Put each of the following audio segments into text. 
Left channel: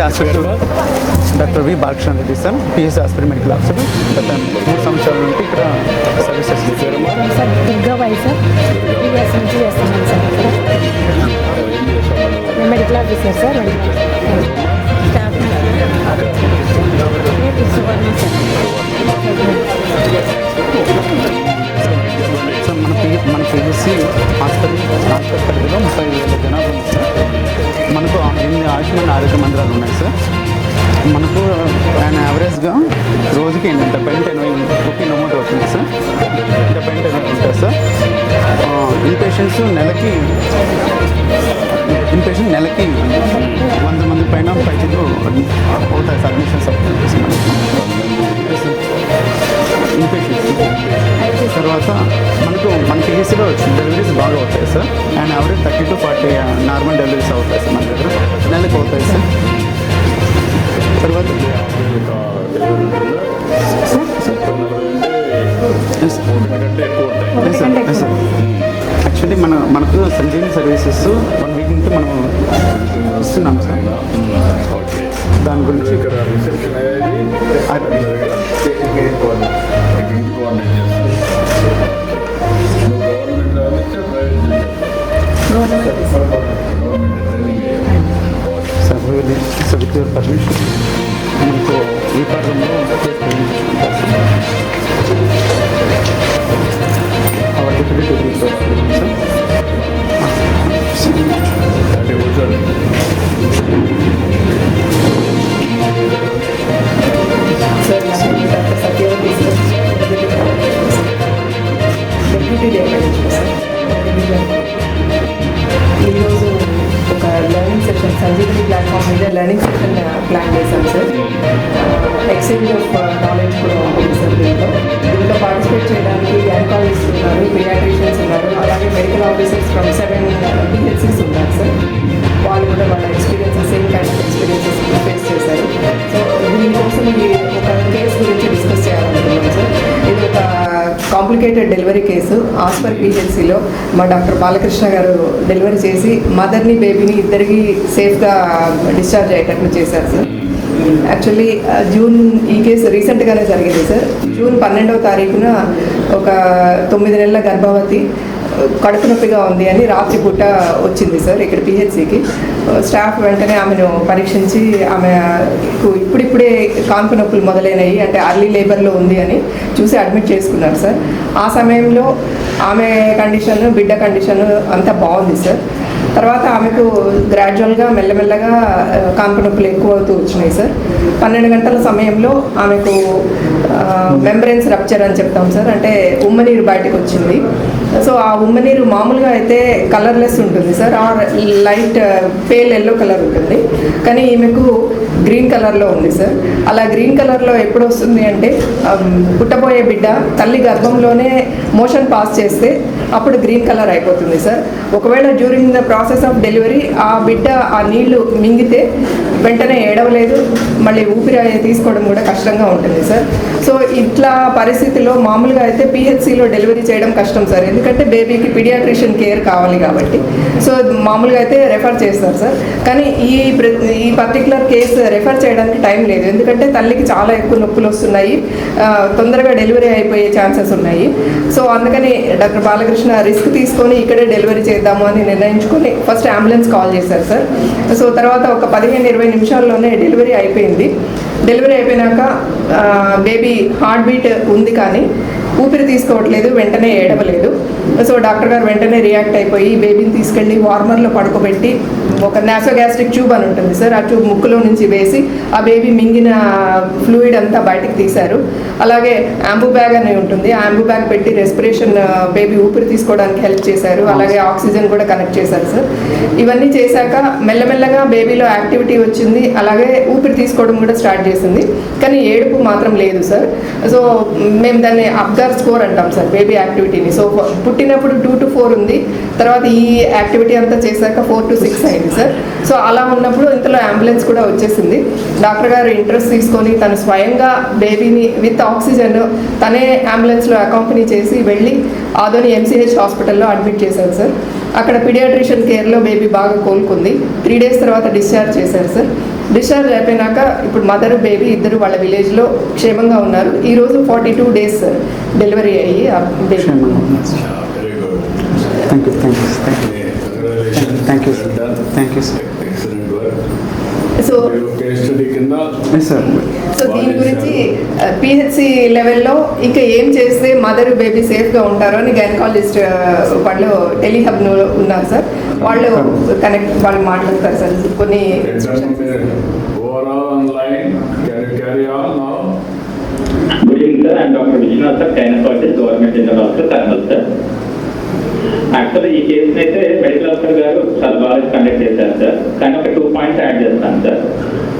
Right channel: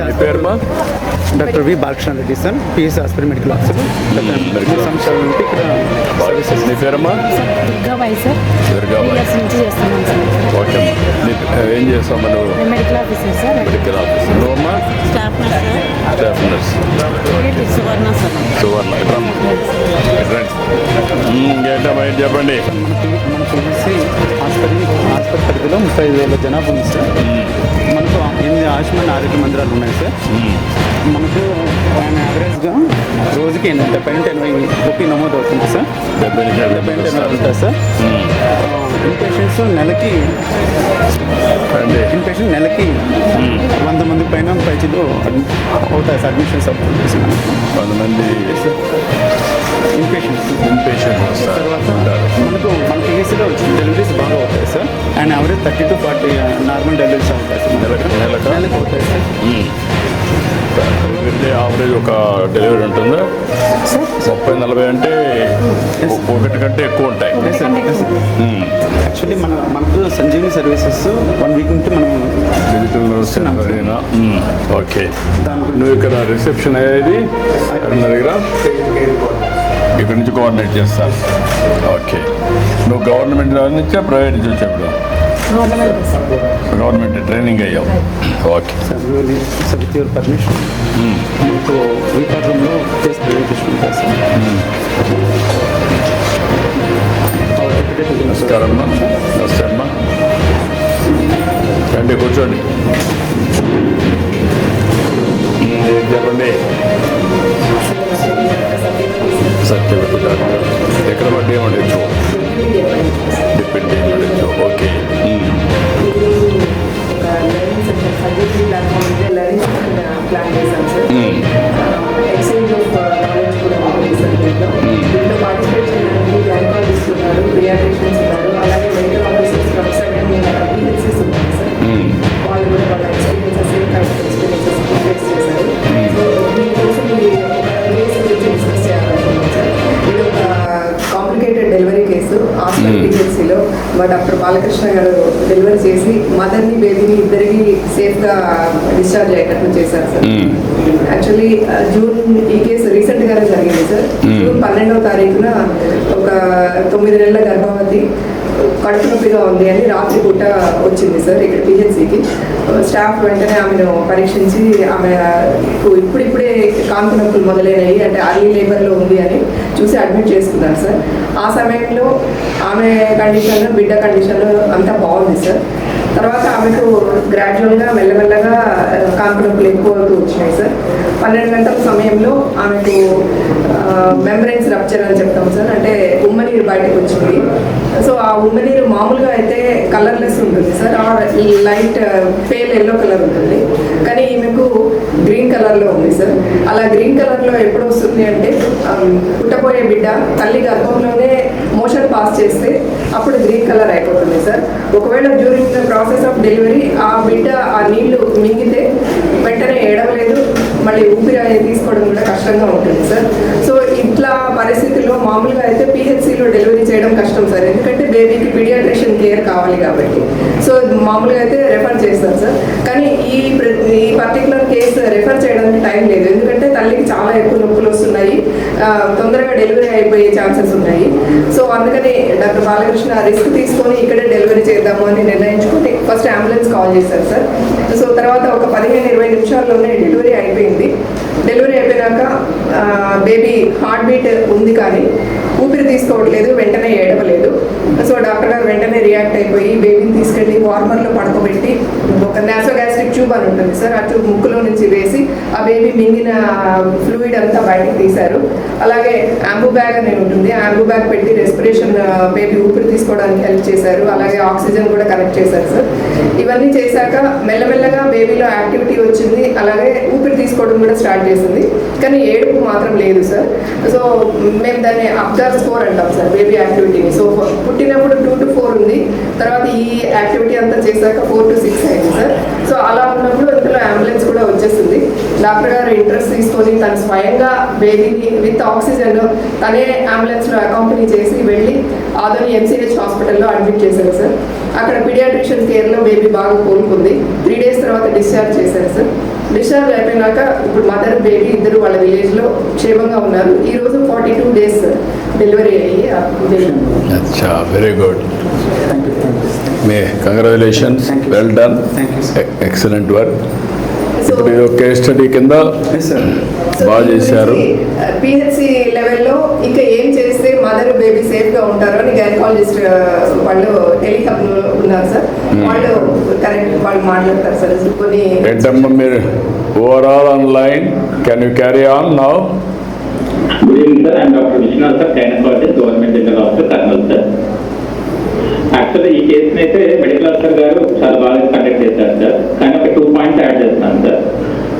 Doctor V Balakrishna Reddy sir, PS hospital medical officer. గత 3 సంవత్సరాల నుండి ఇక్కడ సర్వీసెస్. దుర్గాబాయి సార్, 3 ఇయర్స్ నుంచి చేస్తున్నాను సార్. నేను మెడికల్ ఆఫీసర్ సార్. స్టాఫ్ సువర్ణ సార్. మన పిఎస్సి హాస్పిటల్ పరిధిలో 30,000 జనాభా ఉంది సార్. మనకు 8 ఆయుష్మాన్ ఆరోగ్య మందిరాలు ఉన్నాయి సార్. మనకు యావరేజ్గా రోజుకి 70-80 రూపీ నమోదు అవుతుంది సార్. 70-80 ఉంటుంది సార్. ఇన్పేషెంట్స్ నెలకి 100 మంది పైన పైచీలో అవుతాయి సార్. అడ్మిషన్స్ అవుతుంది సార్ మనకు ఇన్పేషెంట్స్. తర్వాత మన పిఎస్సీలో డెలివరీస్ బాగా అవుతాయి sir. And average 30 to 40 normal deliveries అవుతాయి సార్ మన దగ్గర. నెలకు అవుతాయి సార్. తర్వాత ఒక డెలివరీ ఉంటుందా? 30-40 అంటే ఒకటి కంటే ఎక్కువ ఉంటాయి. యాక్చువల్లీ మనకు సంజీవిని సర్వీసెస్ 1 వీక్ నుంచి మనం ఇస్తున్నాం సార్. ఓకే, దాని గురించి ఇక్కడ రిసెప్షన్ అయ్యేది అక్కడ దగ్గర ఇక్కడ నుంచి కోఆర్డినేట్ చేస్తాను. ఓకే, నువ్వు గవర్నమెంట్ నుంచా ప్రైవేట్ నుంచి చెప్పావు? గవర్నమెంట్ ట్రైనింగ్ అయ్యావు. Okay sir. So with your permission మీకు ఈ పథకంలో కేసు ప్రైవేట్ తీసుకుంటారు సార్. నమస్కారం. రండి, కూర్చోండి. ఎక్కడ పడ్డా ఏమండి? ఓకే, ఒక లర్నింగ్ సెషన్ సంజీవిని ప్లాట్ఫామ్ మీద లర్నింగ్ సెషన్ ప్లాన్ చేశాం సార్. ఎక్స్చేంజ్ ఆఫ్ నాలెడ్జ్ కూడా ఉంటుంది సార్. దీంట్లో పార్టిసిపేట్ చేయడానికి గైనకాలజిస్ట్ ఉన్నారు, పీడియాట్రిషియన్స్ ఉన్నారు, అలాగే మెడికల్ ఆఫీసర్స్ 7 PHCs ఉన్నారు సార్. వాళ్ళు కూడా ఎక్స్పీరియన్సెస్ ఫేస్ చేశారు. సో దీనికోసం ఒక కేసు గురించి డిస్కస్ చేయాలనుకుంటున్నాం సార్. ఇది ఒక కాంప్లికేటెడ్ డెలివరీ కేసు. హాస్పిటల్ PHCలో మా డాక్టర్ బాలకృష్ణ గారు డెలివరీ చేసి మదర్ని బేబీని ఇద్దరికి సేఫ్గా డిశ్చార్జ్ అయ్యేటట్టు చేశారు సార్. యాక్చువల్లీ జూన్ ఈ కేసు రీసెంట్గానే జరిగింది సార్. జూన్ 12వ తారీఖున ఒక 9 నెలల గర్భవతి కడుపు నొప్పిగా ఉంది అని రాత్రి పూట వచ్చింది సార్ ఇక్కడ PHCకి. స్టాఫ్ వెంటనే ఆమెను పరీక్షించి ఆమె ఇప్పుడిప్పుడే కాన్పు నొప్పులు మొదలైనవి, అంటే అర్లీ లేబర్లో ఉంది అని చూసి అడ్మిట్ చేసుకున్నారు సార్. ఆ సమయంలో ఆమె కండిషన్, బిడ్డ కండిషన్ అంతా బాగుంది సార్. తర్వాత ఆమెకు గ్రాడ్యువల్గా మెల్లమెల్లగా కాన్పు నొప్పులు ఎక్కువ అవుతూ వచ్చినాయి సార్. 12 గంటల సమయంలో ఆమెకు మెంబ్రెన్స్ రప్చర్ అని చెప్తాం సార్, అంటే ఉమ్మనీరు బయటకు వచ్చింది. సో ఆ ఉమ్మనీరు మామూలుగా అయితే కలర్లెస్ ఉంటుంది sir, light pale yellow colour ఉంటుంది. కానీ ఈమెకు గ్రీన్ కలర్లో ఉంది సార్. అలా గ్రీన్ కలర్లో ఎప్పుడు వస్తుంది అంటే పుట్టబోయే బిడ్డ తల్లి గర్భంలోనే మోషన్ పాస్ చేస్తే అప్పుడు గ్రీన్ కలర్ అయిపోతుంది సార్. ఒకవేళ during the process of delivery ఆ బిడ్డ ఆ నీళ్లు మింగితే వెంటనే ఏడవలేదు, మళ్ళీ ఊపిరి తీసుకోవడం కూడా కష్టంగా ఉంటుంది సార్. సో ఇట్లా పరిస్థితిలో మామూలుగా అయితే PHCలో డెలివరీ చేయడం కష్టం సార్, ఎందుకంటే బేబీకి పీడియాట్రిషియన్ కేర్ కావాలి కాబట్టి. సో మామూలుగా అయితే రెఫర్ చేస్తారు సార్. కానీ ఈ పర్టికులర్ కేసు రెఫర్ చేయడానికి టైం లేదు, ఎందుకంటే తల్లికి చాలా ఎక్కువ నొప్పులు వస్తున్నాయి, తొందరగా డెలివరీ అయిపోయే ఛాన్సెస్ ఉన్నాయి. సో అందుకని డాక్టర్ బాలకృష్ణ రిస్క్ తీసుకొని ఇక్కడే డెలివరీ చేద్దాము అని నిర్ణయించుకొని ఫస్ట్ అంబులెన్స్ కాల్ చేశారు సార్. సో తర్వాత ఒక 15-20 నిమిషాల్లోనే డెలివరీ అయిపోయింది. డెలివరీ అయిపోయినాక బేబీ హార్ట్ బీట్ ఉంది కానీ ఊపిరి తీసుకోవట్లేదు, వెంటనే ఏడవలేదు. సో డాక్టర్ గారు వెంటనే రియాక్ట్ అయిపోయి బేబీని తీసుకెళ్ళి వార్మర్లో పడుకోబెట్టి ఒక నాసోగ్యాస్ట్రిక్ ట్యూబ్ అని ఉంటుంది సార్, ఆ ట్యూబ్ ముక్కులో నుంచి వేసి ఆ బేబీ మింగిన ఫ్లూయిడ్ అంతా బయటకు తీశారు. అలాగే యాంబూ బ్యాగ్ అని ఉంటుంది, ఆ యాంబూ బ్యాగ్ పెట్టి రెస్పిరేషన్ బేబీ ఊపిరి తీసుకోవడానికి హెల్ప్ చేశారు. అలాగే ఆక్సిజన్ కూడా కనెక్ట్ చేశారు సార్. ఇవన్నీ చేశాక మెల్లమెల్లగా బేబీలో యాక్టివిటీ వచ్చింది, అలాగే ఊపిరి తీసుకోవడం కూడా స్టార్ట్ చేసింది. కానీ ఏడుపు మాత్రం లేదు సార్. సో మేము దాన్ని అబ్జర్వ్ స్కోర్ అంటాం సార్ బేబీ యాక్టివిటీని. సో పుట్టినప్పుడు 2 to 4 ఉంది, తర్వాత ఈ యాక్టివిటీ అంతా చేశాక 4 to 6 అయింది సార్. సో అలా ఉన్నప్పుడు ఇంతలో అంబులెన్స్ కూడా వచ్చేసింది. డాక్టర్ గారు ఇంట్రెస్ట్ తీసుకొని తను స్వయంగా బేబీని విత్ ఆక్సిజన్ తనే అంబులెన్స్లో అకాంపెనీ చేసి వెళ్ళి ఆదోని MCH హాస్పిటల్లో అడ్మిట్ చేశారు సార్. అక్కడ పీడియాట్రిషియన్ కేర్లో బేబీ బాగా కోలుకుంది. 3 days తర్వాత డిశ్చార్జ్ చేశారు సార్. డిశ్చార్జ్ అయిపోయినాక ఇప్పుడు మదర్ బేబీ ఇద్దరు వాళ్ళ విలేజ్లో క్షేమంగా ఉన్నారు. ఈరోజు 42 days డెలివరీ అయ్యి ఆ బేబీ. అచ్చా, very good. Thank you. Congratulations, Thank you. Well done, thank you sir. Excellent work. So మీరు కేస్ స్టడీ కింద ఎస్ సార్. బాగా చేశారు. పిహెచ్సి లెవెల్లో ఇంకా ఏం చేస్తే మదర్ బేబీ సేఫ్గా ఉంటారు అని గైనకాలజిస్ట్ వాళ్ళు టెలిహబ్లో ఉన్నారు సార్. వాళ్ళు వాళ్ళు మాట్లాడతారు సార్. కొన్ని ఏంటమ్మా మీరు overall online, can you carry on now? Good evening sir, I'm doctor Vishwanath sir, gynaecologist, government general hospital, Kurnool sir. యాక్చువల్గా ఈ కేసుని అయితే మెడికల్ ఆఫీసర్ గారు చాలా బాగా కండక్ట్ చేశారు సార్. కానీ ఒక 2 points యాడ్ చేస్తాను సార్.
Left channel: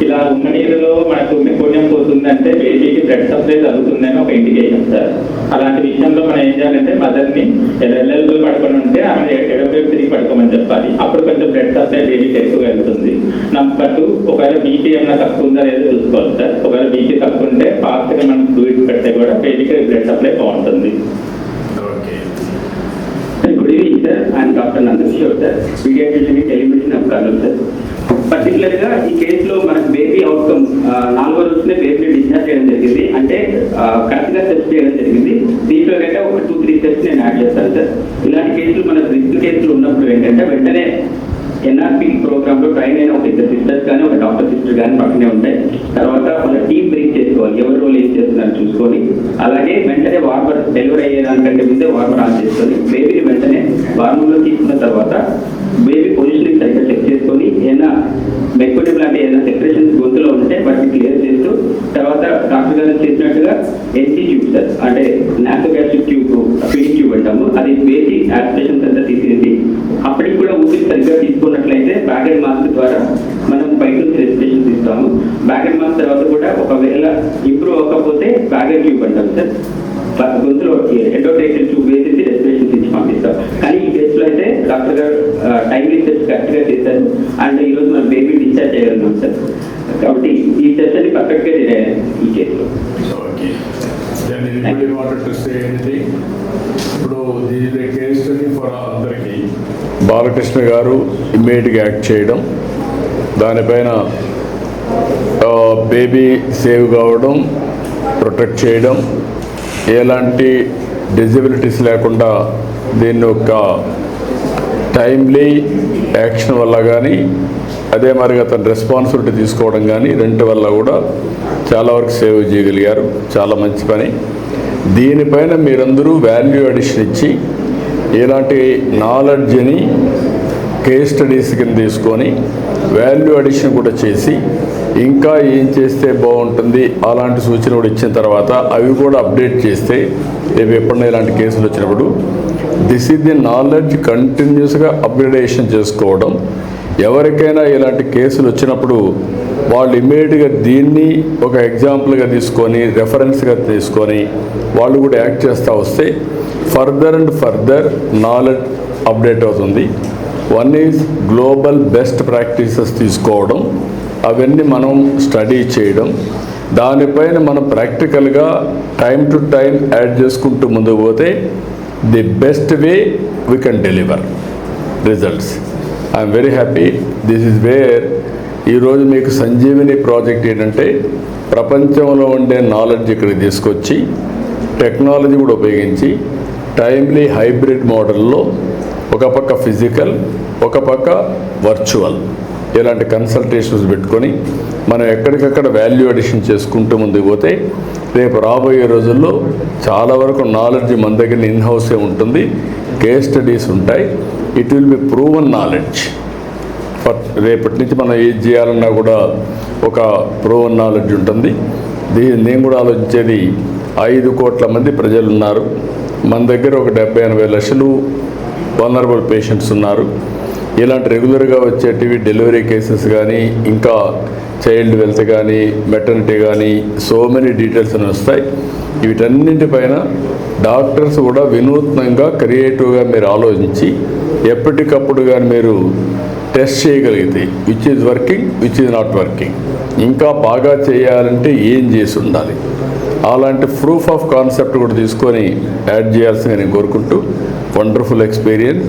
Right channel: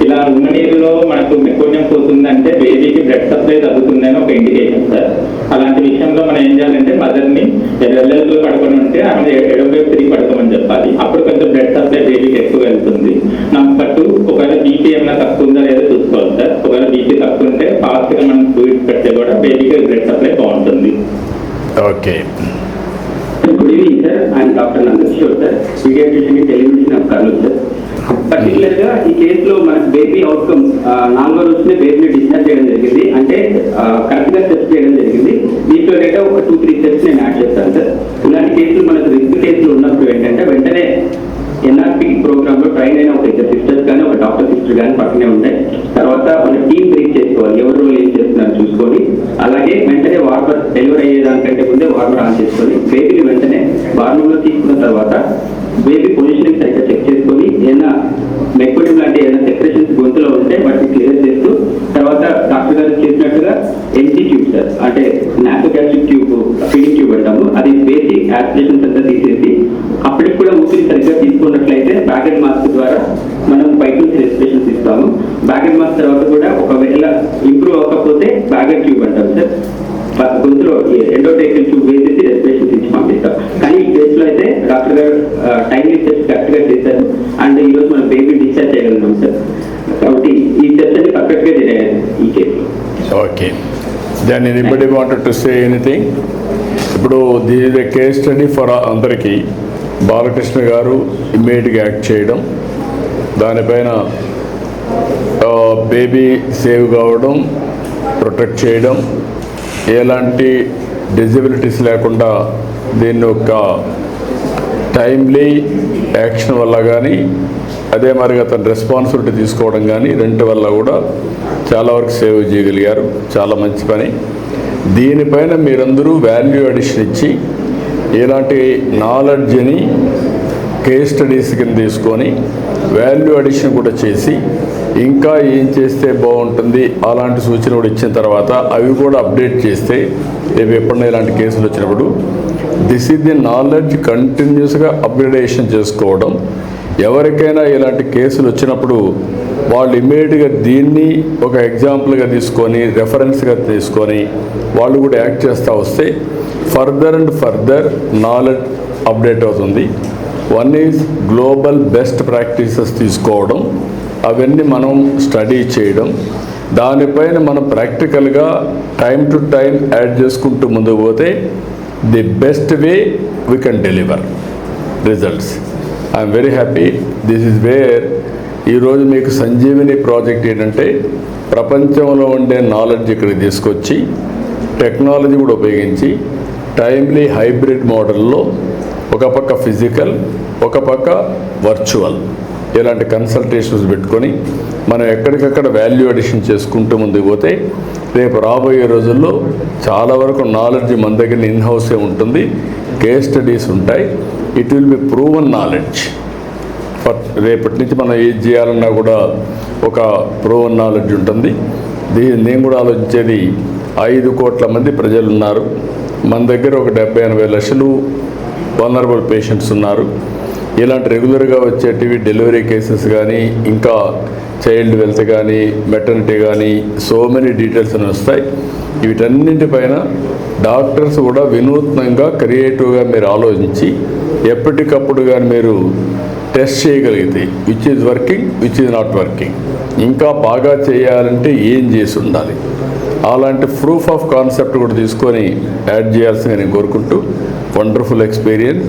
ఇలా ఉన్న నీళ్ళలో మనకు మెకోనియం పోతుందంటే బేబీకి బ్లడ్ సప్లై తగ్గుతుందని ఒక ఇండికేషన్ సార్. అలాంటి విషయంలో మనం ఏం చేయాలంటే మదర్ని ఎడవైపు పడుకొని ఉంటే ఆమె ఎడవైపు తిరిగి పడుకోమని చెప్పాలి. అప్పుడు కొంచెం బ్లడ్ సప్లై బేబీకి ఎక్కువ వెళ్తుంది. నెంబర్ 2, ఒకవేళ బీపీ ఏమైనా తక్కువ ఉందా లేదో చూసుకోవాలి సార్. ఒకవేళ బీపీ తక్కువ ఉంటే ఫాస్ట్గా మనం ఫ్లూయిడ్ పెడితే కూడా బేబీకి బ్లడ్ సప్లై బాగుంటుంది. Okay. Good evening sir, I'm doctor Nandakishore sir, paediatrician telemedicine of Kurnool sir. Particular గా ఈ కేసులో మనకు బేబీ అవుట్కమ్ 4వ రోజునే బేబీని డిశ్చార్జ్ చేయడం జరిగింది. అంటే కరెక్ట్ గా టెస్ట్ చేయడం జరిగింది. దీంట్లో డేటా ఒక 2-3 steps నేను యాడ్ చేస్తాను సార్. ఇలాంటి కేసులు మనకు రిస్క్ కేసులు ఉన్నప్పుడు ఏంటంటే వెంటనే ఎన్ఆర్పి ప్రోగ్రామ్ లో ట్రైన్ అయిన ఒక ఇద్దరు సిస్టర్స్ కానీ ఒక డాక్టర్ సిస్టర్ కానీ పక్కనే ఉంటాయి. తర్వాత వాళ్ళ టీమ్ బ్రేక్ చేసుకోవాలి, ఎవరు రోల్ ఏం చేస్తున్నారని చూసుకొని, అలాగే వెంటనే వార్మర్ డెలివరీ అయ్యేదానికంటే ముందే వార్మర్ ఆన్ చేసుకొని బేబీని వెంటనే వార్మర్లో తీసుకున్న తర్వాత బేబీ పొజిషనింగ్ సరిగ్గా చెక్ చేసుకొని ఏదైనా మెకోనియం లాంటి ఏదైనా సెక్రేషన్స్ గొంతులో ఉంటే వాటిని క్లియర్ చేస్తూ, తర్వాత డాక్టర్ గారు చేసినట్టుగా ఎన్టీ ట్యూబ్ సార్, అంటే నాసోగాస్ట్రిక్ ట్యూబ్, ఫీడింగ్ ట్యూబ్ అంటాము, అది వేసి యాస్పిరేషన్స్ అంతా తీసేసి అప్పటికి కూడా ఊపిరి సరిగ్గా తీసుకున్నట్లయితే బ్యాగెడ్ మాస్క్ ద్వారా మనం బయట రెస్పిరేషన్ తీస్తాము. బ్యాగెడ్ మాస్క్ తర్వాత కూడా ఒకవేళ ఇంప్రూవ్ అవ్వకపోతే బ్యాగెడ్ ట్యూబ్ అంటాం సార్. గొంతులో ఎండోట్రేకియల్ ట్యూబ్ వేసేసి రెస్పిరేషన్ తీసి పంపిస్తాం. కానీ ఈ కేసులో అయితే డాక్టర్ గారు టైం స్టెప్స్ కరెక్ట్ గా చేశారు. అండ్ ఈరోజు మనం బేబీ డిశ్చార్జ్ చేయగలుగుతాం సార్. కాబట్టి ఈ స్టెప్స్ అన్ని పర్ఫెక్ట్ గా జరిగాయి ఈ కేసులో. Okay. Then anybody wanted to say anything? ఇప్పుడు దీని కేస్ స్టడీ ఫర్ అందరికీ బాలకృష్ణ గారు ఇమ్మీడియట్గా యాక్ట్ చేయడం, దానిపైన బేబీ సేవ్ కావడం, ప్రొటెక్ట్ చేయడం, ఎలాంటి డిజబిలిటీస్ లేకుండా దీన్ని ఒక టైమ్లీ యాక్షన్ వల్ల కానీ, అదే మరిగా తన రెస్పాన్సిబిలిటీ తీసుకోవడం కానీ, రెంటి వల్ల కూడా చాలా వరకు సేవ్ చేయగలిగారు. చాలా మంచి పని. దీనిపైన మీరందరూ వాల్యూ అడిషన్ ఇచ్చి ఇలాంటి నాలెడ్జ్ని కేస్ స్టడీస్ కింద తీసుకొని వాల్యూ అడిషన్ కూడా చేసి ఇంకా ఏం చేస్తే బాగుంటుంది అలాంటి సూచన కూడా ఇచ్చిన తర్వాత అవి కూడా అప్డేట్ చేస్తే రేపు ఎప్పుడైనా ఇలాంటి కేసులు వచ్చినప్పుడు దిస్ ఈజ్ ది నాలెడ్జ్ కంటిన్యూస్గా అప్గ్రేడేషన్ చేసుకోవడం. ఎవరికైనా ఇలాంటి కేసులు వచ్చినప్పుడు వాళ్ళు ఇమ్మీడియట్గా దీన్ని ఒక ఎగ్జాంపుల్గా తీసుకొని రెఫరెన్స్గా తీసుకొని వాళ్ళు కూడా యాక్ట్ చేస్తూ వస్తే further and further knowledge update అవుతుంది. One is global best practices తీసుకోవడం, అవన్నీ మనం స్టడీ చేయడం, దానిపైన మనం ప్రాక్టికల్గా టైం టు టైం యాడ్ చేసుకుంటూ ముందుకు పోతే the best way we can deliver results. I'm very happy. This is where ఈరోజు మీకు సంజీవిని ప్రాజెక్ట్ ఏంటంటే ప్రపంచంలో ఉండే నాలెడ్జ్ ఇక్కడికి తీసుకొచ్చి టెక్నాలజీ కూడా ఉపయోగించి టైమ్లీ హైబ్రిడ్ మోడల్లో ఒక పక్క ఫిజికల్, ఒక పక్క వర్చువల్ ఇలాంటి కన్సల్టేషన్స్ పెట్టుకొని మనం ఎక్కడికక్కడ వాల్యూ అడిషన్ చేసుకుంటూ ముందుకు పోతే రేపు రాబోయే రోజుల్లో చాలా వరకు నాలెడ్జ్ మన దగ్గర ఇన్ హౌసే ఉంటుంది. కేస్ స్టడీస్ ఉంటాయి. It will be proven knowledge. రేపటి నుంచి మనం ఏది చేయాలన్నా కూడా ఒక ప్రూవన్ నాలెడ్జ్ ఉంటుంది. నేను కూడా ఆలోచించేది 5 కోట్ల మంది ప్రజలు ఉన్నారు. మన దగ్గర ఒక 70-80 లక్షలు వల్నరబుల్ పేషెంట్స్ ఉన్నారు. ఇలాంటి రెగ్యులర్గా వచ్చేటివి డెలివరీ కేసెస్ కానీ, ఇంకా చైల్డ్ వెల్త్ కానీ, మెటర్నిటీ కానీ, సో మెనీ డీటెయిల్స్ అని వస్తాయి. వీటన్నింటిపైన డాక్టర్స్ కూడా వినూత్నంగా క్రియేటివ్గా మీరు ఆలోచించి ఎప్పటికప్పుడు కానీ మీరు టెస్ట్ చేయగలిగితే which is working, which is not working, ఇంకా బాగా చేయాలంటే ఏం చేసి ఉండాలి, అలాంటి ప్రూఫ్ ఆఫ్ కాన్సెప్ట్ కూడా తీసుకొని యాడ్ చేయాల్సిందిగా నేను కోరుకుంటూ, వండర్ఫుల్ ఎక్స్పీరియన్స్.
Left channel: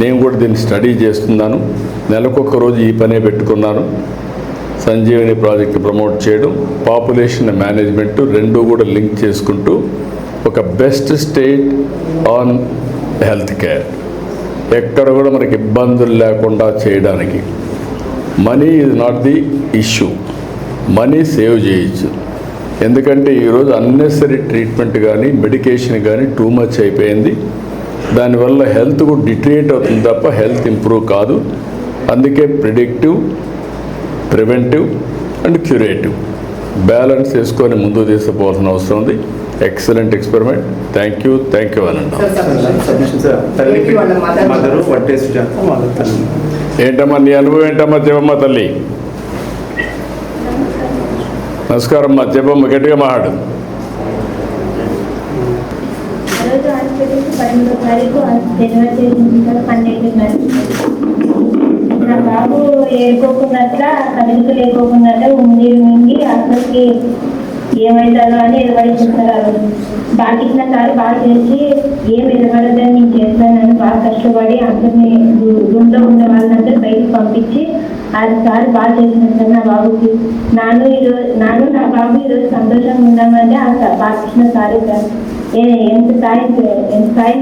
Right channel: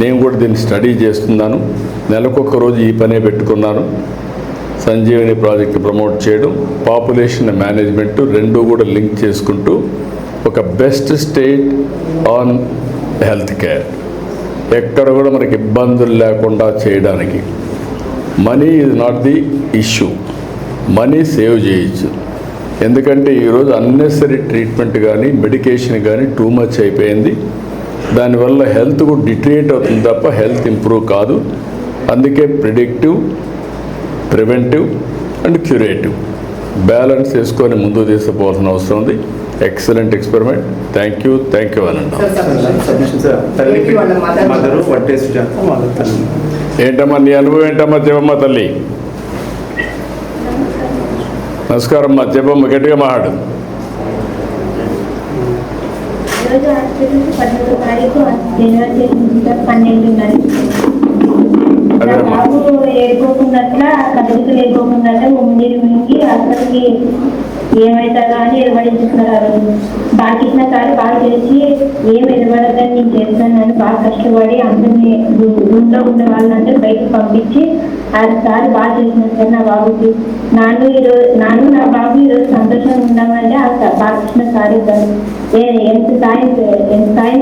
నేను కూడా దీన్ని స్టడీ చేస్తున్నాను. నెలకొక రోజు ఈ పనే పెట్టుకున్నాను. సంజీవని ప్రాజెక్ట్ ప్రమోట్ చేయడం, పాపులేషన్ మేనేజ్మెంట్ రెండు కూడా లింక్ చేసుకుంటూ ఒక best state on health care, ఎక్కడ కూడా మనకి ఇబ్బందులు లేకుండా చేయడానికి. Money is not the issue, money save చేయొచ్చు. ఎందుకంటే ఈరోజు అన్నెసరీ ట్రీట్మెంట్ కానీ మెడికేషన్ కానీ టూ మచ్ అయిపోయింది. దానివల్ల హెల్త్ కూడా డిట్రియేట్ అవుతుంది తప్ప హెల్త్ ఇంప్రూవ్ కాదు. అందుకే predictive, preventive and curative balance చేసుకొని ముందుకు తీసుకుపోవాల్సిన అవసరం ఉంది. Excellent experiment. థ్యాంక్ యూ అనండి. సబ్మిషన్ సార్, తల్లికి మదరు వన్ టెస్ట్ చేస్తాం, వాళ్ళ తల్లి. ఏంటమ్మా నీ అనుభవం ఏంటమ్మా? చెప్పమ్మా తల్లి. నమస్కారం అమ్మా, చెప్పమ్మా, గట్టిగా మాట్లాడు. ఈరోజు హాస్పిటల్కి 13వ తారీఖు డెలివరీ చేసింది సార్, 12 గంటలకు. నా బాబు ఏడుకోకుండా కదలిక లేకోకుండా ఉండి అసలుకి ఏమవుతారో అని నిలబడించుకున్నారు. బాగా ఇచ్చిన సారి బాగా చేసి ఏం నిలబడదని నేను చేస్తానని బాగా కష్టపడి అందరినీ రూమ్లో ఉన్న వాళ్ళందరూ బయటకు పంపించి సారి బాగా చేసినారు సార్ నా బాబుకి. నా బాబు ఈరోజు సంతోషంగా ఉన్నామంటే ఆ బాగా ఇచ్చిన సారీ సార్. ఎంత సాయం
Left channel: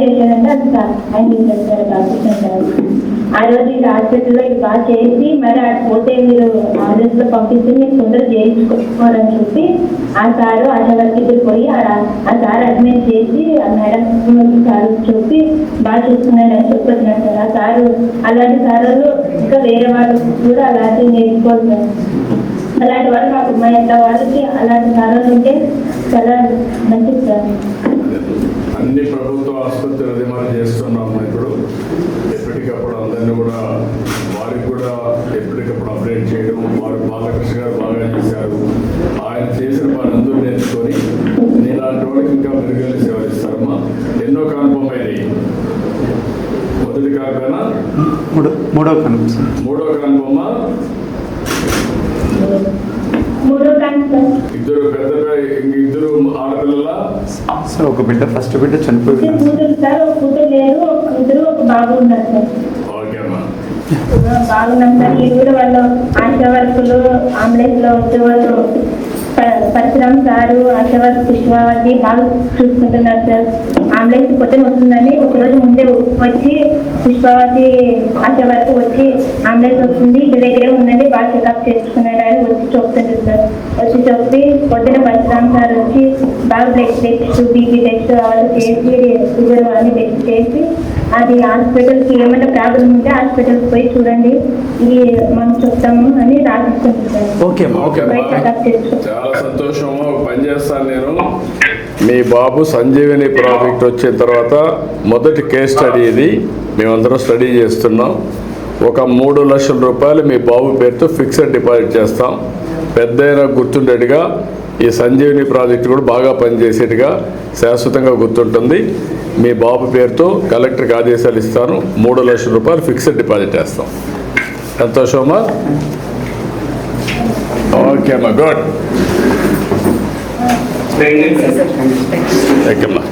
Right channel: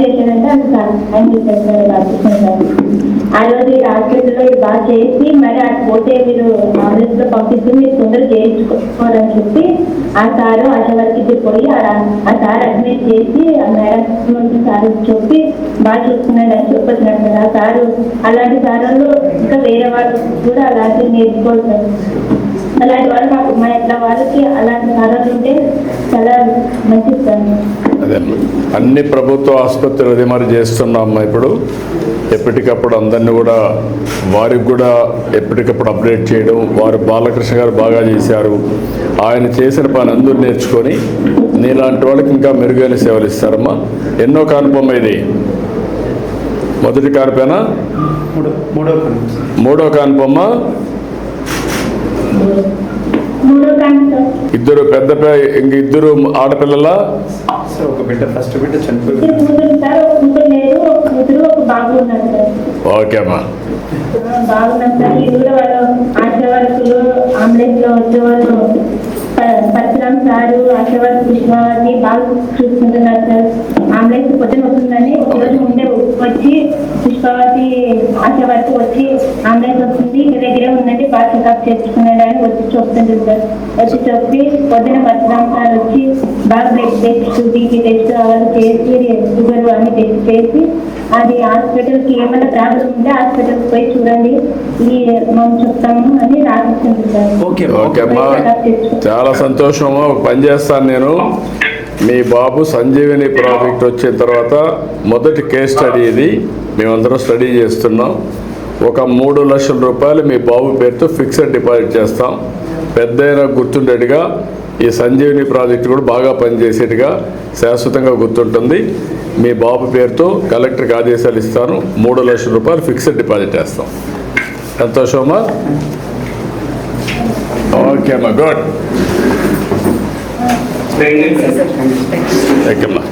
చేశారంటే అది సాయం చేశారు సార్ బాగా సార్. ఆ రోజు ఈ హాస్పిటల్లో ఇది బాగా చేసి మరి అది పోతే మీరు ఆంబులెన్స్లో పంపిస్తే మీరు తొందరగా చేయించుకోవాలని చెప్పి ఆ సారు ఆశా వర్కర్కి పోయి ఆ సార్ అడ్మిట్ చేసి ఆ మేడం సార్ చెప్పి బాగా చూసుకున్నాడు అని చెప్పొచ్చినారు సార్. ఆ సారు అలాంటి సార్లు ఇంకా వేరే వాళ్ళు కూడా అలాంటివి నేర్చుకోవాలి సార్. అలాంటి వాళ్ళు మాకు మా ఇంట్లో వాళ్ళకి అలాంటి సార్లు ఉంటే చాలా మంచిది సార్. అదే అన్ని ప్రభుత్వ ఆసుపత్రులు అదే మరి చేస్తున్నాం ఇప్పుడు. ఎప్పటికప్పుడు అందరినీ కూడా వారికి కూడా ఎప్పటికప్పుడు అప్డేట్ చేయడం. వారు బాలకృష్ణ గారు బాగా చేశారు, ఆయన చేసిన పని అందరూ నేర్చుకొని నీలాంటి వాళ్ళకి ఇంకా మెరుగైన సేవలు ఇస్తారమ్మా. ఎన్నో కానుపమ్మ ఇది? మొదటి కానుపేనా? మూడో కానుపమ్మ. ఇద్దరు పెద్ద ఇంక ఇద్దరు ఆడపిల్లల సార్, ఒక బిడ్డ ఫస్ట్ బిడ్డ చనిపోయింది. ఓకే అమ్మా. బాగున్నాం సార్. ఈ ఊరు వాళ్ళు ఆశా వర్కులు అంబులెన్స్ లో వచ్చేవాళ్ళు పరశురామ్ సారు, ఆశా వర్క్ పుష్పావతి బాగా చూసుకుంటున్నారు సార్. అంబులెన్స్ పొద్దున వస్తుందని ఒకరోజు ముందే వచ్చి పుష్పావతి ఆశా వర్క్ వచ్చి అంబులెన్స్ వస్తుంది ఇంటి దగ్గరే ఉందండి బాగా చెకప్ చేసుకున్నాడు అని వచ్చి చెప్తుంటారు సార్. వచ్చి చెప్పి పొద్దున పరశురామ్ సార్ వచ్చి బాగా బ్లడ్ టెస్ట్, బీపీ టెస్ట్ వాళ్ళు చేసి షుగర్ అన్ని టెస్ట్ చేసి అది హాస్పిటల్కి ఏమైనా ప్రాబ్లం ఉంటే హాస్పిటల్కి పోయి చూడండి మనం చెప్తాము అని రాసిస్తుంటారు సార్. చాలా సంతోషము. పని చేస్తాను నేను. మీ బాబు సంజీవని ప్రాజెక్ట్ వచ్చిన తర్వాత మొదటి కేస్ స్టడీ ఇది. మేమందరం స్టడీ చేస్తున్నాం. ఒక 3 లక్షల రూపాయలు మీ బాబు పేరుతో ఫిక్స్డ్ డిపాజిట్ చేస్తాం. పెద్దయినా గుర్తుండేట్టుగా ఈ సంజీవని ప్రాజెక్ట్ కూడా బాగా పనిచేసేట్టుగా శాశ్వతంగా గుర్తుంటుంది. మీ బాబు పేరుతో కలెక్టర్కి ఆదేశాలు ఇస్తాను. 3 లక్షల రూపాయలు ఫిక్స్డ్ డిపాజిట్ చేస్తాం. సంతోషమా? ఓకే అమ్మా, గుడ్. ఓకేమ్మా.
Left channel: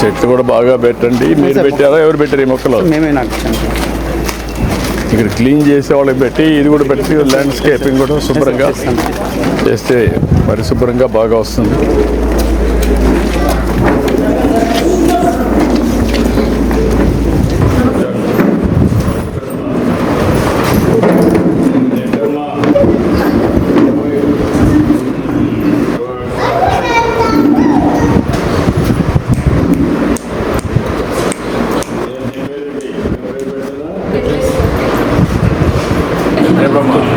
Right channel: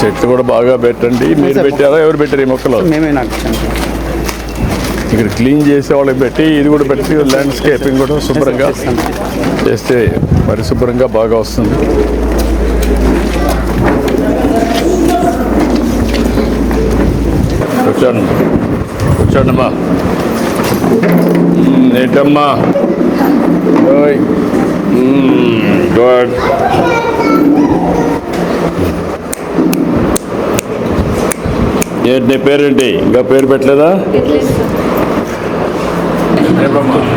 చెట్లు కూడా బాగా పెట్టండి. మీరు పెట్టారా? ఎవరు పెట్టారు ఈ మొక్కలు? మేమే నాకు ఇక్కడ క్లీన్ చేసే వాళ్ళకి పెట్టి ఇది కూడా పెట్టి ల్యాండ్స్కేపింగ్ కూడా శుభ్రంగా చేస్తే పరిశుభ్రంగా బాగా వస్తుంది. కూర్చోండమ్మా. ఏంటమ్మా? గుడ్. ఏంటి నీ పేరేంటి? ఇంకా పేరు పెట్టలేదా?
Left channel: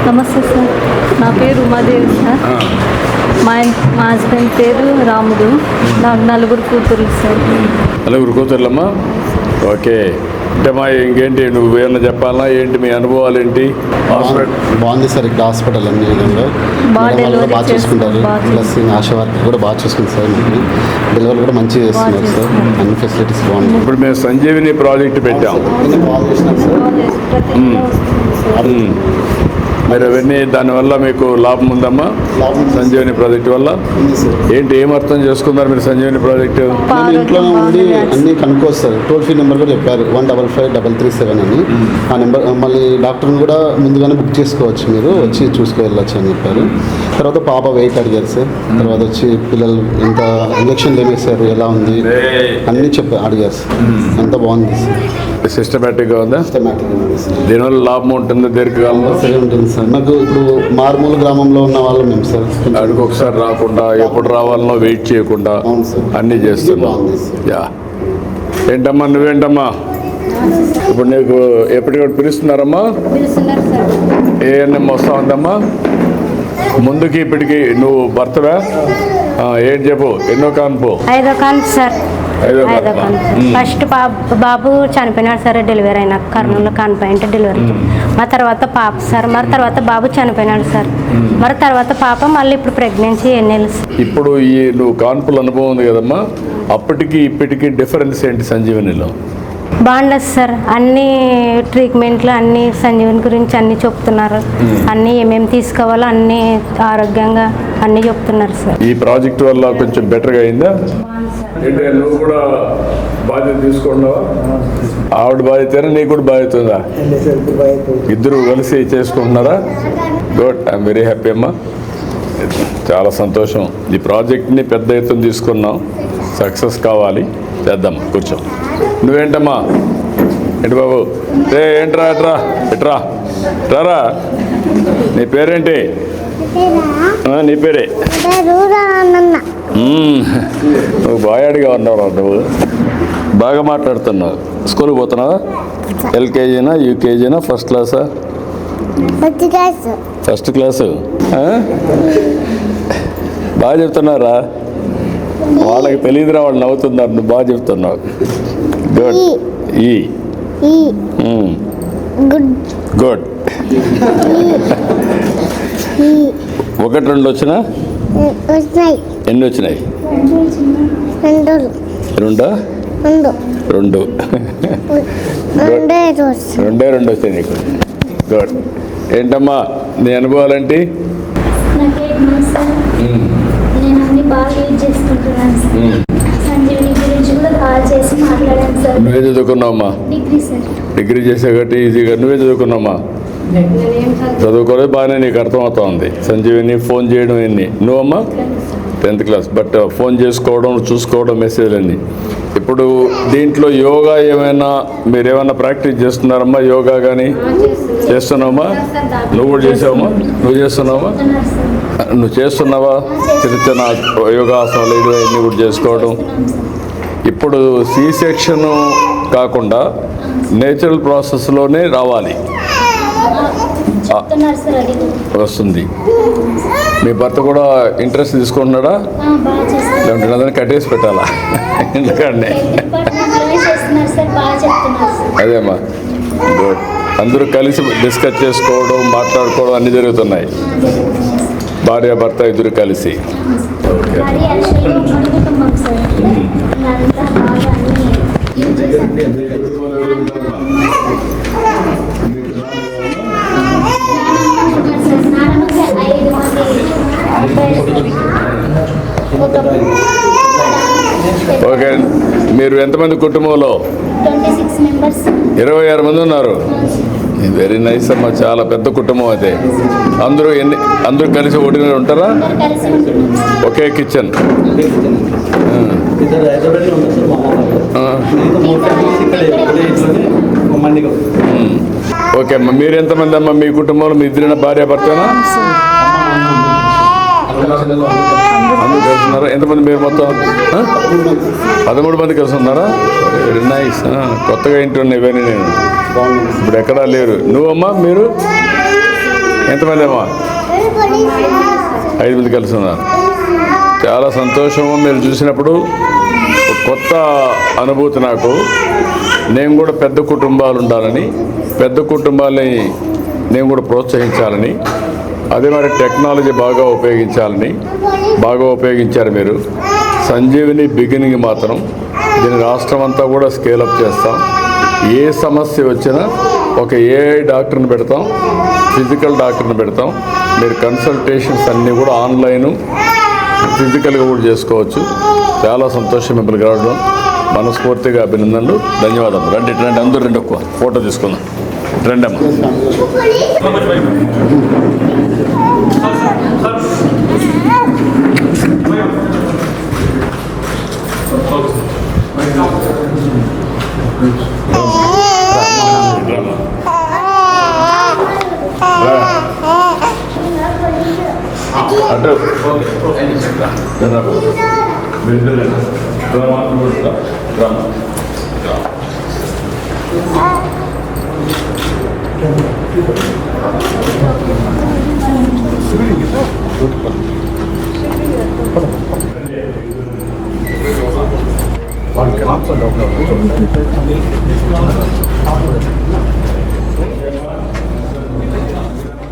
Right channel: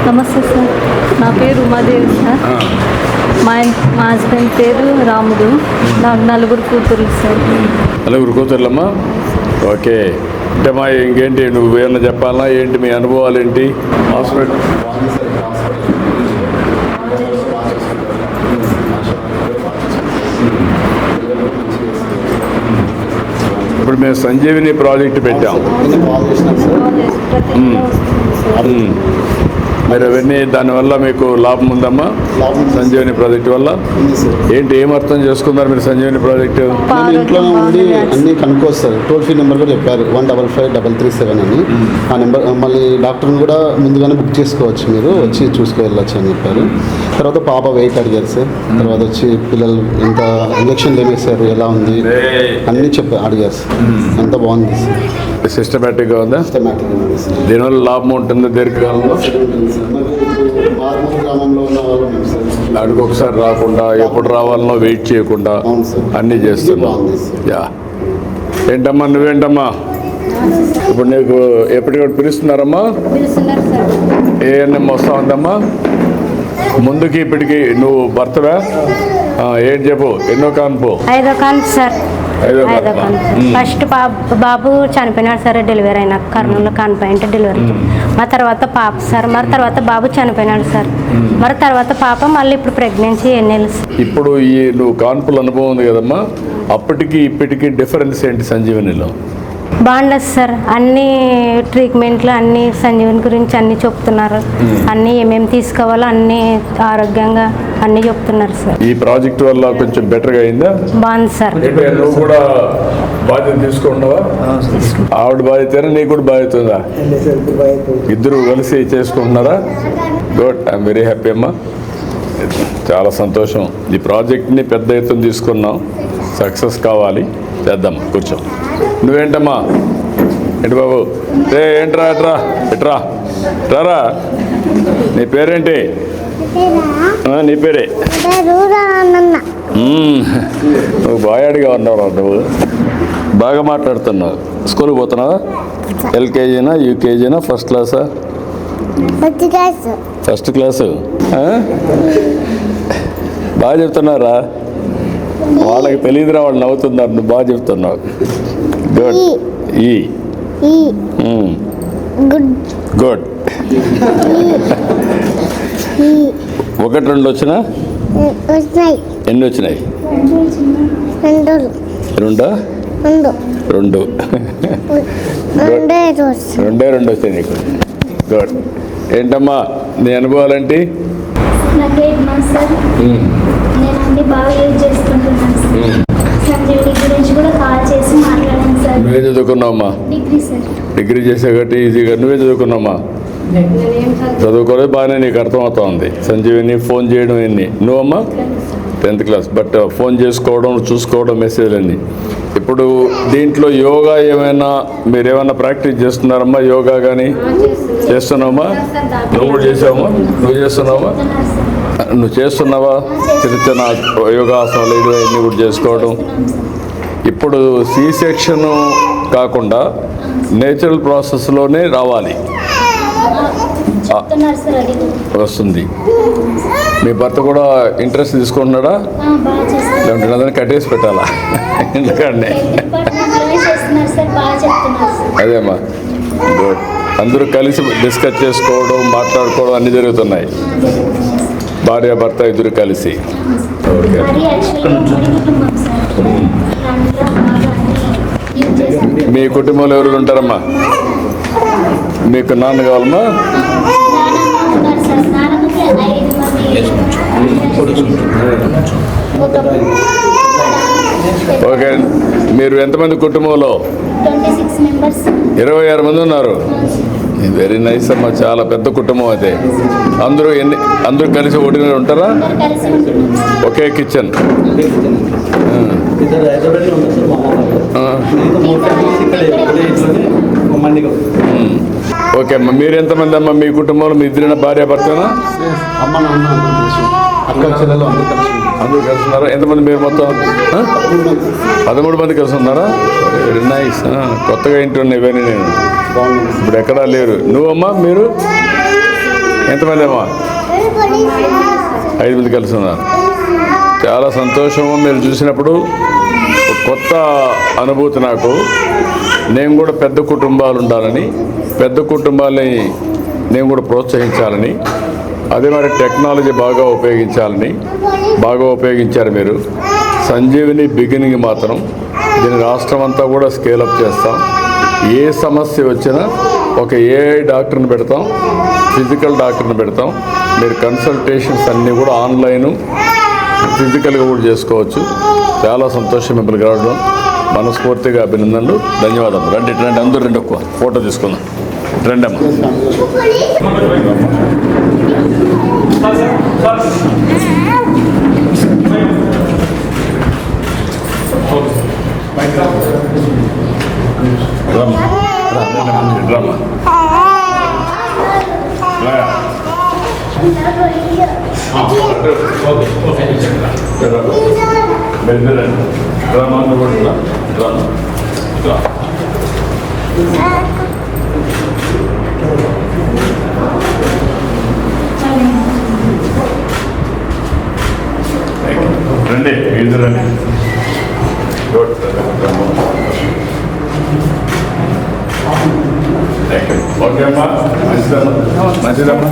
నమస్తే సార్, నా పేరు ఉమాదేవి సార్. మా హస్బెండ్ పేరు రాముడు. నాకు 4 కూతుర్లు సార్. 4 కూతుర్లమ్మా? ఓకే. అంటే మా ఇంకేంటి నువ్వు ఏమన్నా చెప్పాలా ఏంటి మీ అనుభవాలు ఏంటి హాస్పిటల్? బాగుంది సార్ ఇక్కడ హాస్పిటల్ అన్ని విధంగా మేడం వాళ్ళు కూడా బాగా చూసుకుంటారు. ప్లస్ ఆశా వర్కర్ కూడా బాగా చూసుకుంటారు సార్. డెలివరీ కూడా మంచిగా చేస్తున్నారు సార్. అన్ని ఫెసిలిటీస్ బాగుంటాయి. ఇప్పుడు మేము సంజీవిని ప్రాజెక్ట్ పెట్టాం. కాల్ చేసినాం సార్. మీరు అవన్నీ దానివల్ల మీకు లాభం ఉందమ్మా? లాభం ఉంది. సంజీవిని ప్రాజెక్టు వల్ల ఉంది సార్. ఏంటి ఏం అర్థం చేసుకున్నారు మీరు సంజీవిని ప్రాజెక్టు? నేను ఇంట్లోనే ఉండి అన్ని కనుక్కోవచ్చు. టోల్ ఫ్రీ నెంబర్ కూడా చెప్పారు 155-337 అని. ఆ నెంబర్ మళ్ళీ డాక్టర్ని కూడా ముందుగానే బుక్ చేసుకోవచ్చు, మీరు వచ్చి చూసుకువెళ్ళచ్చు అని చెప్పారు. తర్వాత పాప వెయిట్ అడిగారు సార్. తర్వాత వచ్చి పిల్లలు ఎంత ఇంజక్షన్లు ఏమి వేశారు, ఎలా ఉంది అన్నీ అడిగారు సార్. అంత బాగుంది సార్. సిస్టమేటిక్గా ఉందా? సిస్టమేటిక్గా ఉంది సార్. దీనివల్ల లాభం ఉంటుంది దీర్ఘకాలంలో? ఉంటుంది సార్. నాకు ఇప్పుడు మారుమూల గ్రామంలో ఉన్న వాళ్ళు మేము సార్. అడుగు ఒకసారి రాకుండా ఎప్పుడు రావాలనో వెయిట్ చేయకుండా అవును సార్. అన్నీ చేస్తున్నాం. బాగుంది సార్. యా. ఏంటమ్మా నువ్వేంటమ్మా? ఇప్పుడు నీకు ఎప్పటికప్పుడు పిలుస్తున్నారమ్మా? పిలుస్తున్నారు సార్. ఏఎన్ఎం వస్తా ఉందమ్మా? ముందుకి ఇప్పటికి నువ్వు భర్తవా? ఏంటి చెప్పు, ఎన్నో కాన్పు? 5వ కాన్పు సార్. 5వ 5వ కాన్పు. ఫస్ట్ బాబు చనిపోయినాడు సార్. డెలివరీ అయినాక కర్నూలులో కాన్పు డెలివరీ. మరి తర్వాత పాప సార్. మరి తర్వాత బాబు చనిపోయినాడు సార్. మరి తర్వాత పాప మళ్ళీ ఇప్పుడు ప్రెగ్నెన్సీ ఎన్నేళ్ళు సార్. ఇప్పుడు ఈ నువ్వు కాన్పుల అనుభవం ఉంది కదమ్మా, అప్పటికి ఇప్పటికి డిఫరెన్స్ ఏంటి సంజీవనిలో? బాగుండదు సార్. అన్ని ట్రీట్మెంట్లు అన్ని సంజీవని గురించి అన్ని చెప్తున్నారు. అన్ని ఏమేమి తీసుకోవాలో అన్ని ఆరోగ్యంగా అన్ని చెప్తున్నారు సార్. ఈ ప్రాజెక్ట్ వల్ల కొంచెం బెటర్గా అయిందా? బాగుంది సార్. అంటే నువ్వు కూడా బాధ్యత తీసుకుంటున్నావా? ఆవిడ బాధ్యత నీకు కూడా బాధ్యత ఉందా? ఇద్దరు కలిసి చేసుకుంటున్నారా? గుడ్, ఐఎమ్ వెరీ హ్యాపీ అమ్మా. చాలా సంతోషం. ఈ ప్రాజెక్ట్ని పెద్ద ఎత్తున తీసుకున్నాం. సక్సెస్ కావాలి, చేద్దాం. కూర్చో. నువ్వేంటమ్మా? ఏంటి బాబు? ఏంట్రా ఎట్రా ఎట్రా రారా. నీ పేరేంటి? నీ పేరే? నువ్వు బాయాడిగా ఉన్నావు. నువ్వు బాగా మాట్లాడుతున్నావు. స్కూల్కి పోతున్నావా? ఎల్కేజీనా, యూకేజీనా, ఫస్ట్ క్లాసా? First class. బాగా చెప్తున్నారా? వాళ్ళకి తెలియదురా, వాళ్ళు నవ్వుతున్నారు. నువ్వు బాగా చెప్తున్నావు. గుడ్. గుడ్. 1, 2 వచ్చినా? ఎన్ని వచ్చినాయి? 2 2 వచ్చాయి నీకు. గుడ్. ఏంటమ్మా నీ అనుభవాలేంటి? నేను అన్ని బాగా యూజ్ చేసుకుంటున్నాను సార్. సంజీవిని గురించి కూడా కాల్ చేసి మాట్లాడాను సార్. నువ్వే చదువుకున్నావమ్మా? Degree sir. డిగ్రీ చేసే కాబట్టి ఈజీగా నువ్వే చదువుకున్నావమ్మా? చదువుకోలేదు, బాగానే నీకు అర్థమవుతా ఉంది. సంజీవిని ఫోన్ చేయడం ఎన్ని? నువ్వమ్మా? 10th class. బట్ ఫోన్ చేసుకోవడం, చూసుకోవడం, మెసేజ్ అన్ని. ఇప్పుడు దీంట్లో యోగా ఏమైనా మీరేమైనా ప్రాక్టీస్ చేస్తున్నారమ్మా? యోగా కానీ చేస్తున్నావమ్మా? నువ్వు కూడా చేసావమ్మా? నువ్వు చేస్తున్నావమ్మా? నువ్వు చేస్తున్నావా? చిన్న చిన్న యోగాసనాలు ఇవన్నీ కూడా చేసుకోవడం. ఇప్పుడు సి సెక్షన్ కాకుండా నేచురల్ ప్రాసెస్లోనే రావాలి. వస్తుంది. మీ భర్త కూడా ఇంట్రెస్ట్ తీసుకుంటున్నాడా? లేదంటే అదని కట్టేసి పెట్టాలా? ఎందుకంటే అదేమ్మా. గుడ్. అందరూ కలిసి డిస్కస్ చేసుకోవడం, మాట్లాడుకోవడం అన్నీ జరుగుతున్నాయి. భార్య భర్త ఇద్దరు కలిసి. మీ కుటుంబంలో ఎవరు ఉంటారమ్మా? మీకు నాన్న కావాలన్నా? ఓకే. మీరు ఎంతమంది కుటుంబంలో? 26 మంది ఉన్నారు. వెరీ నైస్ అమ్మా. చాలా పెద్ద కుటుంబం అయితే. అందరూ కలిసి ఒకటిగా ఉంటారా? ఒకే కిచెన్. ఓకే అమ్మా. మీరు ఎంతమంది అమ్మా మీ కుటుంబంలో? మీ ఇద్దరైనా భార్య భర్తనా? అందరూ కలిసి ఉన్నారా? ఎంతమంది మీరు మొత్తం? 13 మంది కలిసి ఉన్నారా? Very nice. కొత్తగా ఇంటి ఉన్నాయి ఇవన్నీ. నేను ఇప్పుడు ఎక్కడా లేరు. నువ్వమ్మా? మీరు ఎంతమంది అమ్మా? 5 మంది కలిసి ఉన్నారు. చాలా సంతోషము. మీరు చూసినప్పుడు కొత్త అనుభూతి నాకు. నేను కూడా పెద్ద కుటుంబాలు ఉండాలని, పెద్ద కుటుంబాలని నేను కూడా ప్రోత్సహించాలని, అదే మరి టెక్నాలజీ బాగా ఉపయోగించారు మీరు. సంజీవిని బిగినింగ్ మాత్రం దీని రాష్ట్రం అంతా కూడా స్కేలప్ చేస్తాం. ఏ సమస్య వచ్చినా ఒక ఏఐ డాక్టర్ని పెడతాం, ఫిజికల్ డాక్టర్ని పెడతాం. మీరు కన్సల్టేషన్స్ అన్నీ కూడా ఆన్లైను, ఫిజికల్గా కూడా చేసుకోవచ్చు. చాలా సంతోషం మిమ్మల్ని రావడం. మనస్ఫూర్తిగా అభినందనలు, ధన్యవాదాలు. రండి అందరూ రండి, ఒక్క ఫోటో తీసుకుందాం. రండి అమ్మ. రండి ఇద్దరు రండి. ఓకే అమ్మా, మంచిదమ్మా.